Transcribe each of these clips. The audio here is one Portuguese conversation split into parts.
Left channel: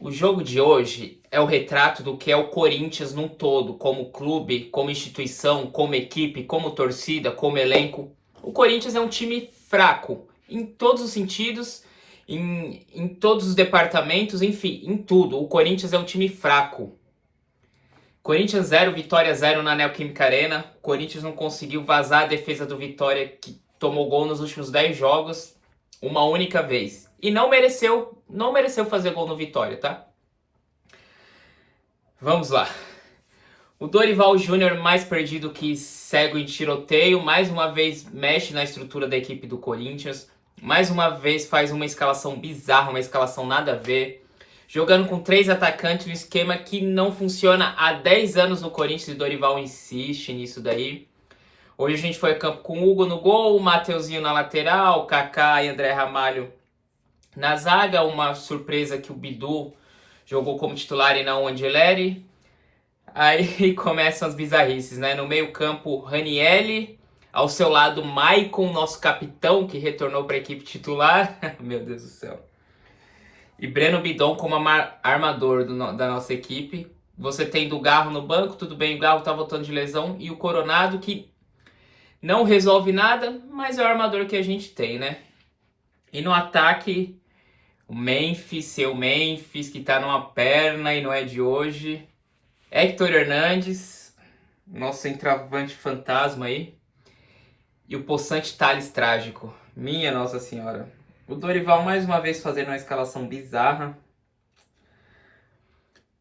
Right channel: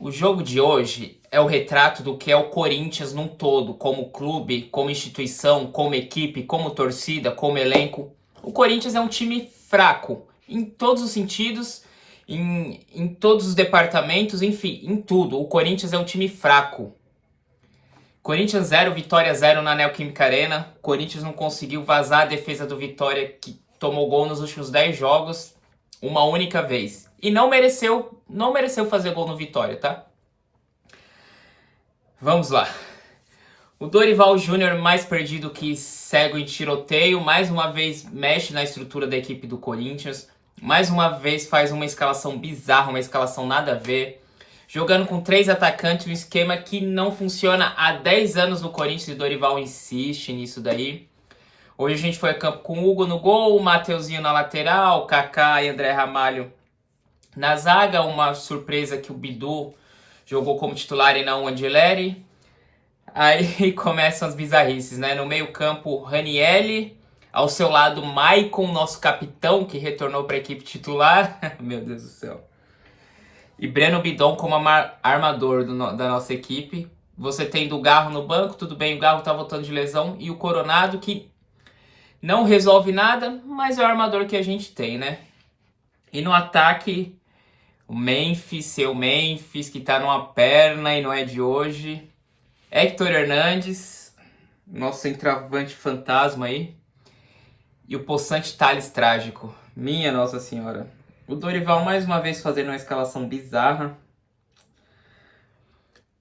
O jogo de hoje é o retrato do que é o Corinthians num todo, como clube, como instituição, como equipe, como torcida, como elenco. O Corinthians é um time fraco em todos os sentidos, em todos os departamentos, enfim, em tudo. O Corinthians é um time fraco. Corinthians 0, Vitória 0 na Neoquímica Arena. O Corinthians não conseguiu vazar a defesa do Vitória, que tomou gol nos últimos 10 jogos, uma única vez. E não mereceu fazer gol no Vitória, tá? Vamos lá. O Dorival Júnior, mais perdido que cego em tiroteio, mais uma vez mexe na estrutura da equipe do Corinthians. Mais uma vez faz uma escalação bizarra, uma escalação nada a ver. Jogando com 3 atacantes, um esquema que não funciona há 10 anos no Corinthians e o Dorival insiste nisso daí. Hoje a gente foi a campo com o Hugo no gol, o Mateuzinho na lateral, Kaká e André Ramalho na zaga. Uma surpresa que o Bidu jogou como titular e não o Angeleri. Aí começam as bizarrices, né? No meio-campo, Ranielli. Ao seu lado, Maicon, nosso capitão, que retornou para a equipe titular. Meu Deus do céu. E Breno Bidon como armador da nossa equipe. Você tem o Garro no banco, tudo bem, o Garro tá voltando de lesão. E o Coronado, que não resolve nada, mas é o armador que a gente tem, né? E no ataque, o Memphis, seu Memphis, que tá numa perna e não é de hoje. Héctor Hernandes, nosso centroavante fantasma aí. E o possante Thales trágico. Minha Nossa Senhora. O Dorival mais uma vez fazendo uma escalação bizarra.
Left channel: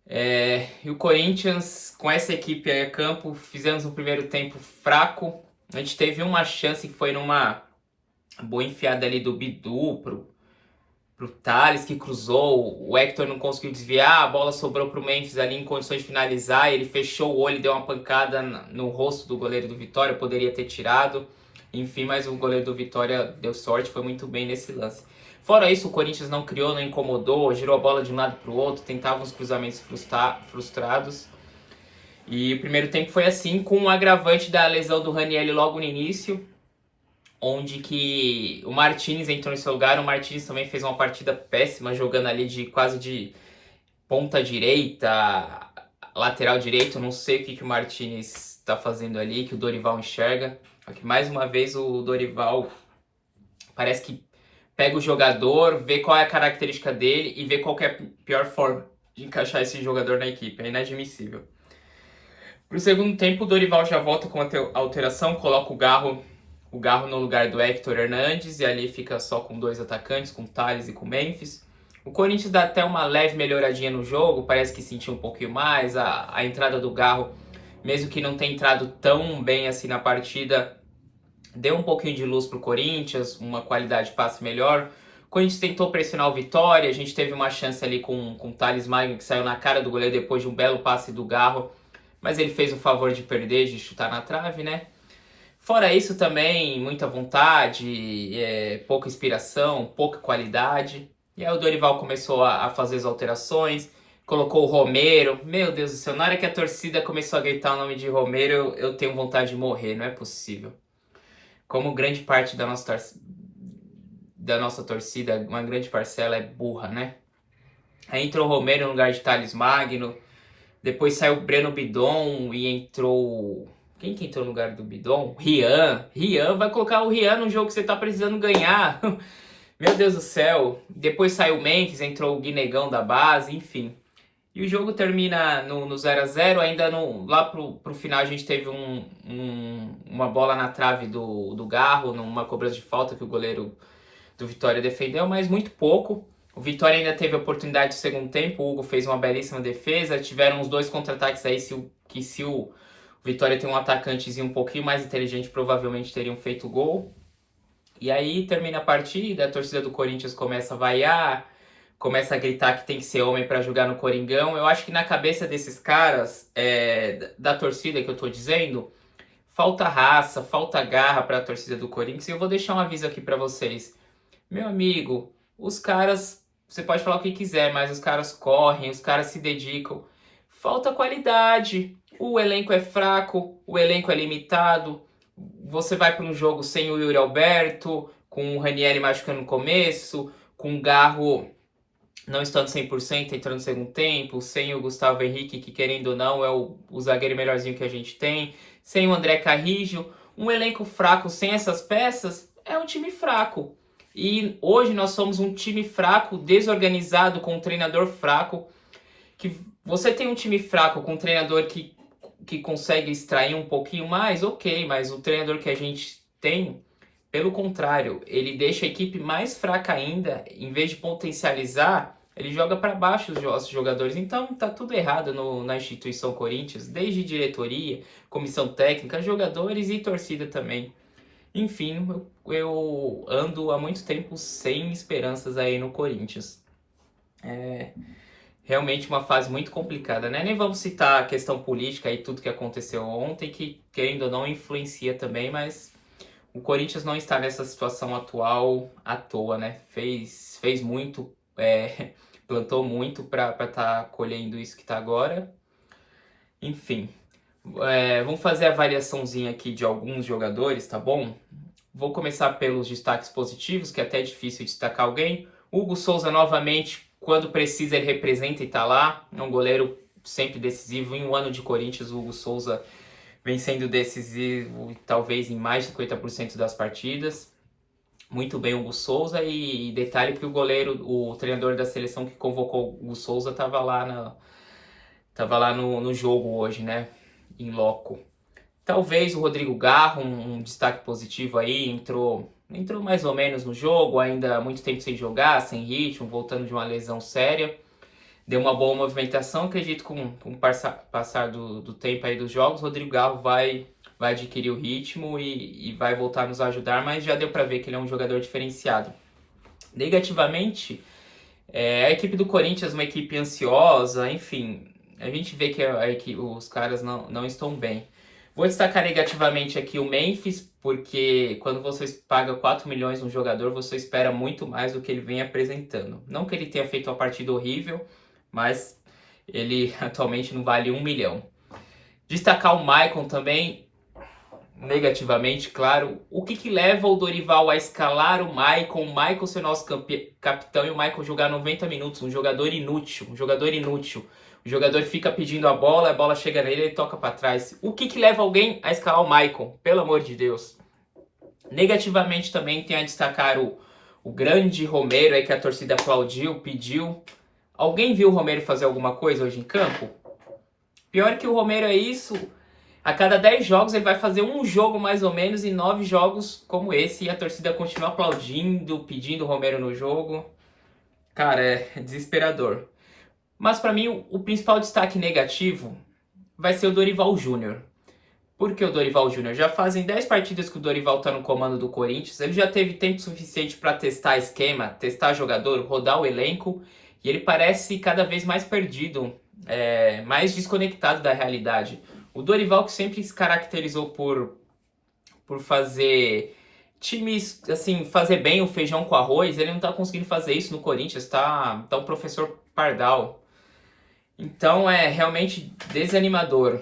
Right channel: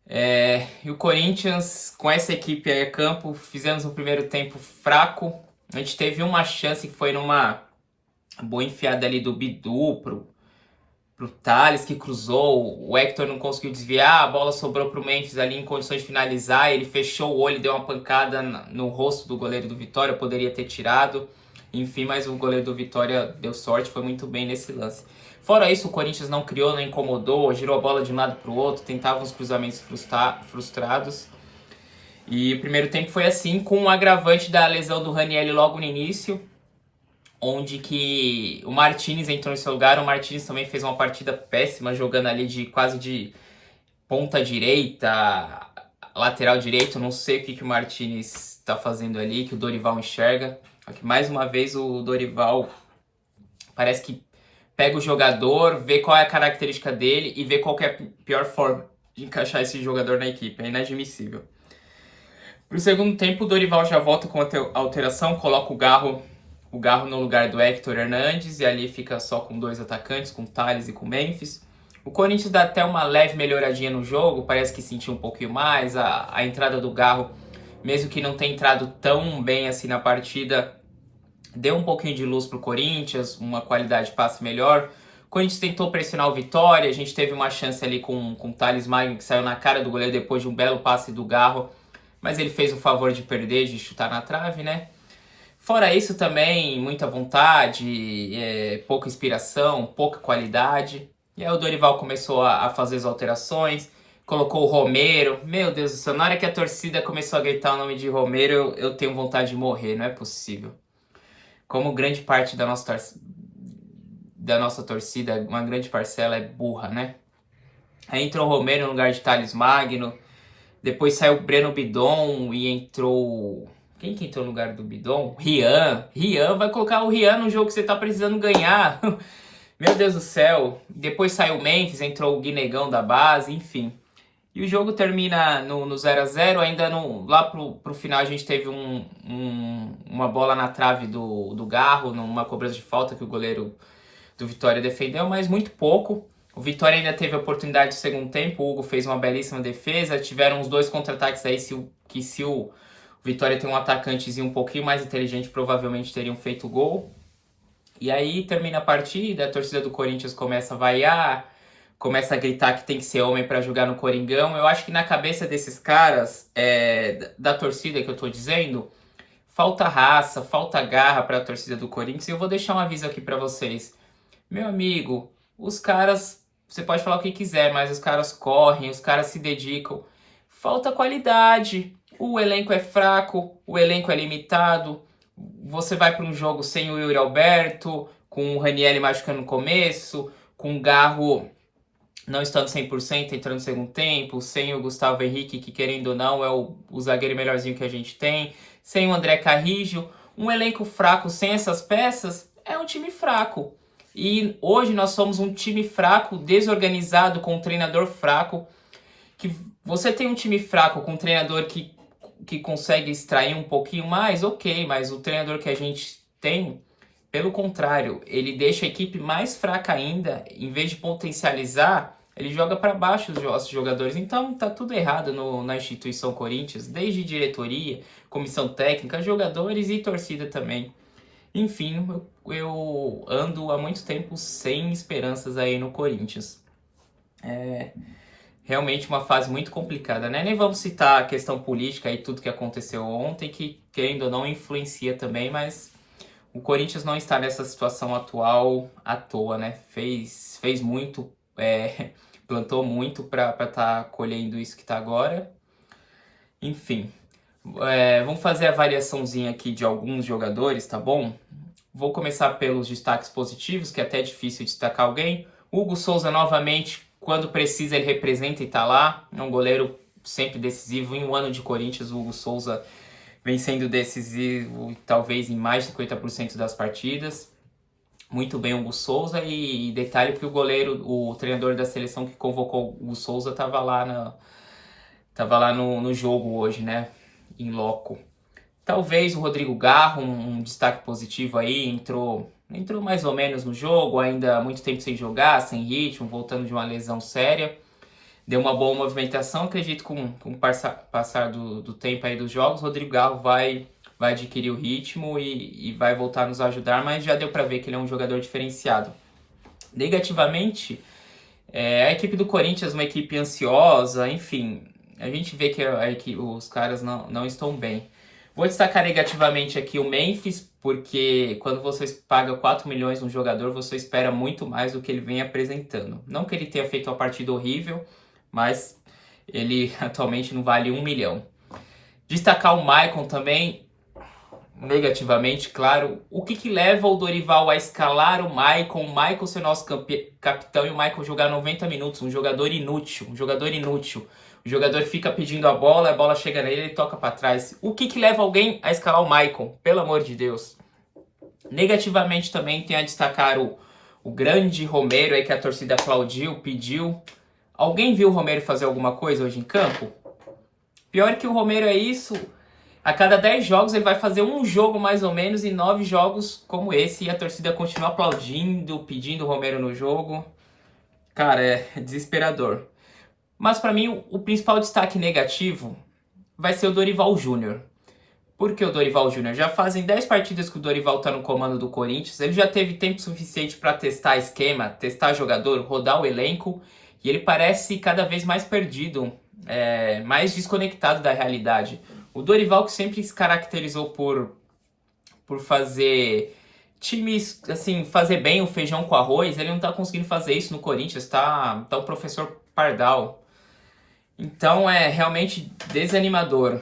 E o Corinthians, com essa equipe aí a campo, fizemos um primeiro tempo fraco. A gente teve uma chance que foi numa boa enfiada ali do Bidu pro Thales, que cruzou. O Héctor não conseguiu desviar, a bola sobrou pro Memphis ali em condições de finalizar. Ele fechou o olho e deu uma pancada no rosto do goleiro do Vitória, poderia ter tirado. Enfim, mas o goleiro do Vitória deu sorte, foi muito bem nesse lance. Fora isso, o Corinthians não criou, não incomodou, girou a bola de um lado para o outro, tentava uns cruzamentos frustrados. E o primeiro tempo foi assim, com um agravante da lesão do Ranielli logo no início, onde que o Martínez entrou em seu lugar. O Martínez também fez uma partida péssima, jogando ali quase de ponta direita, lateral direito. Não sei o que o Martínez está fazendo ali, que o Dorival enxerga. Aqui, mais uma vez o Dorival parece que pega o jogador, vê qual é a característica dele e vê qual é a pior forma de encaixar esse jogador na equipe. É inadmissível. Pro segundo tempo, o Dorival já volta com a alteração, coloca o Garro no lugar do Héctor Hernandes, e ali fica só com 2 atacantes, com Thales e com Memphis. O Corinthians dá até uma leve melhoradinha no jogo, parece que sentiu um pouquinho mais. A entrada do Garro, mesmo que não tenha entrado tão bem assim na partida, deu um pouquinho de luz pro Corinthians, uma qualidade de passe melhor. O Corinthians tentou pressionar o Vitória, a gente teve uma chance ali com o Thales Magno, que saiu na cara do goleiro depois de um belo passe do Garro, mas ele fez o favor de perder, de chutar na trave, né? Fora isso também, muita vontade, pouca inspiração, pouca qualidade. E aí o Dorival começou a fazer as alterações, colocou o Romero. Meu Deus do céu, na hora que a torcida começou a gritar o nome de Romero, eu tenho vontade de morrer, não é possível. Como grande parte da nossa torcida, uma grande parcela é burra, né? Aí entrou o Romero no lugar de Thales Magno, depois saiu o Breno Bidon e entrou... Quem que entrou no lugar do Bidon? Rian. Rian, vai colocar o Rian no jogo que você tá precisando ganhar. Meu Deus do céu. Depois saiu o Memphis, entrou o Guinegão da base, enfim. E o jogo termina no 0 a 0. Ainda lá pro final a gente teve uma bola na trave do Garro, numa cobrança de falta que o goleiro do Vitória defendeu, mas muito pouco. O Vitória ainda teve a oportunidade do segundo tempo, o Hugo fez uma belíssima defesa, tiveram uns 2 contra-ataques aí, se o Vitória tem um atacantezinho um pouquinho mais inteligente, provavelmente teriam feito gol. E aí termina a partida, a torcida do Corinthians começa a vaiar, começa a gritar que tem que ser homem para jogar no Coringão. Eu acho que na cabeça desses caras, da torcida que eu tô dizendo, falta raça, falta garra para a torcida do Corinthians. E eu vou deixar um aviso aqui para vocês. Meu amigo, os caras, você pode falar o que quiser, mas os caras correm, os caras se dedicam. Falta qualidade. O elenco é fraco, o elenco é limitado. Você vai para um jogo sem o Yuri Alberto, com o Ranielli machucando no começo, com o Garro não estando 100%, entrando no segundo tempo, sem o Gustavo Henrique, que querendo ou não é o zagueiro melhorzinho que a gente tem, sem o André Carrillo, um elenco fraco sem essas peças é um time fraco. E hoje nós somos um time fraco, desorganizado, com um treinador fraco, que você tem um time fraco com um treinador que consegue extrair um pouquinho mais, ok, mas o treinador que a gente tem, pelo contrário, ele deixa a equipe mais fraca ainda, em vez de potencializar, ele joga para baixo os jogadores. Então tá tudo errado na instituição Corinthians, desde diretoria, comissão técnica, jogadores e torcida também. Enfim, eu ando há muito tempo sem esperanças aí no Corinthians. É realmente uma fase muito complicada, né? Nem vamos citar a questão política e tudo que aconteceu ontem, que querendo ou não influencia também, mas o Corinthians não está nessa situação atual à toa, né? Fez muito, plantou muito para estar colhendo isso que está agora. Enfim, vamos fazer a variaçãozinha aqui de alguns jogadores, tá bom? Vou começar pelos destaques positivos, que é até difícil destacar alguém. Hugo Souza, novamente, quando precisa, ele representa e tá lá. É um goleiro sempre decisivo. Em um ano de Corinthians, o Hugo Souza vem sendo decisivo, talvez em mais de 50% das partidas. Muito bem, Hugo Souza. E detalhe que o goleiro, o treinador da seleção que convocou o Hugo Souza, estava lá no jogo hoje, né? Em loco. Talvez o Rodrigo Garro, um destaque positivo aí, entrou mais ou menos no jogo, ainda há muito tempo sem jogar, sem ritmo, voltando de uma lesão séria. Deu uma boa movimentação, acredito que com o passar do tempo aí dos jogos, o Rodrigo Garro vai adquirir o ritmo e vai voltar a nos ajudar, mas já deu para ver que ele é um jogador diferenciado. Negativamente, a equipe do Corinthians, uma equipe ansiosa, enfim, a gente vê que os caras não estão bem. Vou destacar negativamente aqui o Memphis, porque quando você paga 4 milhões num jogador, você espera muito mais do que ele vem apresentando. Não que ele tenha feito uma partida horrível, mas ele atualmente não vale 1 milhão. Destacar o Maicon também, negativamente, claro. O que leva o Dorival a escalar o Maicon ser nosso capitão e o Maicon jogar 90 minutos? Um jogador inútil. O jogador fica pedindo a bola chega nele e ele toca para trás. O que leva alguém a escalar o Maicon? Pelo amor de Deus. Negativamente também tem a destacar o grande Romero aí que a torcida aplaudiu, pediu. Alguém viu o Romero fazer alguma coisa hoje em campo? Pior que o Romero é isso. A cada 10 jogos ele vai fazer um jogo mais ou menos e 9 jogos como esse. E a torcida continua aplaudindo, pedindo o Romero no jogo. Cara, é desesperador. Mas para mim o principal destaque negativo vai ser o Dorival Júnior. Por que o Dorival Júnior? Já fazem 10 partidas que o Dorival tá no comando do Corinthians. Ele já teve tempo suficiente para testar esquema, testar jogador, rodar o elenco. E ele parece cada vez mais perdido, mais desconectado da realidade. O Dorival, que sempre se caracterizou por fazer times, assim, fazer bem o feijão com arroz, ele não tá conseguindo fazer isso no Corinthians, tá o professor Pardal. Então é realmente desanimador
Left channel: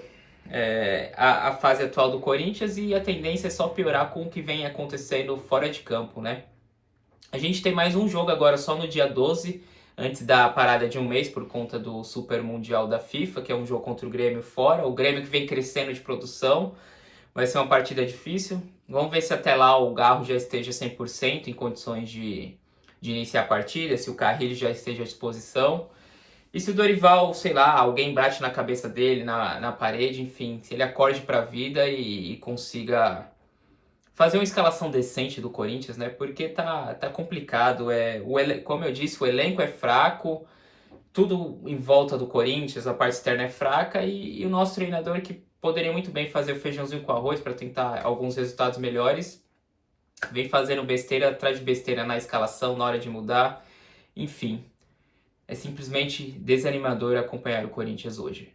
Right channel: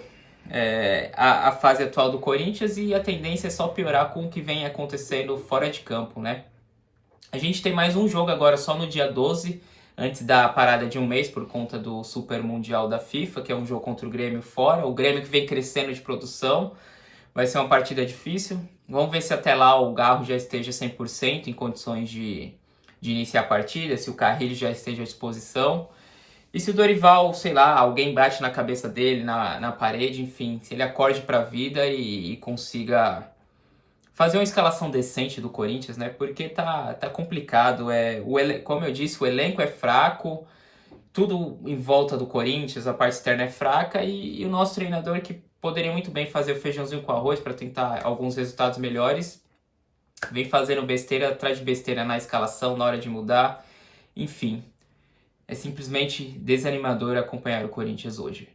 a fase atual do Corinthians e a tendência é só piorar com o que vem acontecendo fora de campo, né? A gente tem mais um jogo agora só no dia 12, antes da parada de um mês por conta do Super Mundial da FIFA, que é um jogo contra o Grêmio fora. O Grêmio que vem crescendo de produção, vai ser uma partida difícil. Vamos ver se até lá o Garro já esteja 100% em condições de iniciar a partida, se o Carrilho já esteja à disposição. E se o Dorival, sei lá, alguém bate na cabeça dele, na parede, enfim, se ele acorde pra vida e consiga fazer uma escalação decente do Corinthians, né? Porque tá complicado. Como eu disse, o elenco é fraco, tudo em volta do Corinthians, a parte externa é fraca e o nosso treinador, que poderia muito bem fazer o feijãozinho com arroz para tentar alguns resultados melhores, vem fazendo besteira atrás de besteira na escalação, na hora de mudar. Enfim, é simplesmente desanimador acompanhar o Corinthians hoje.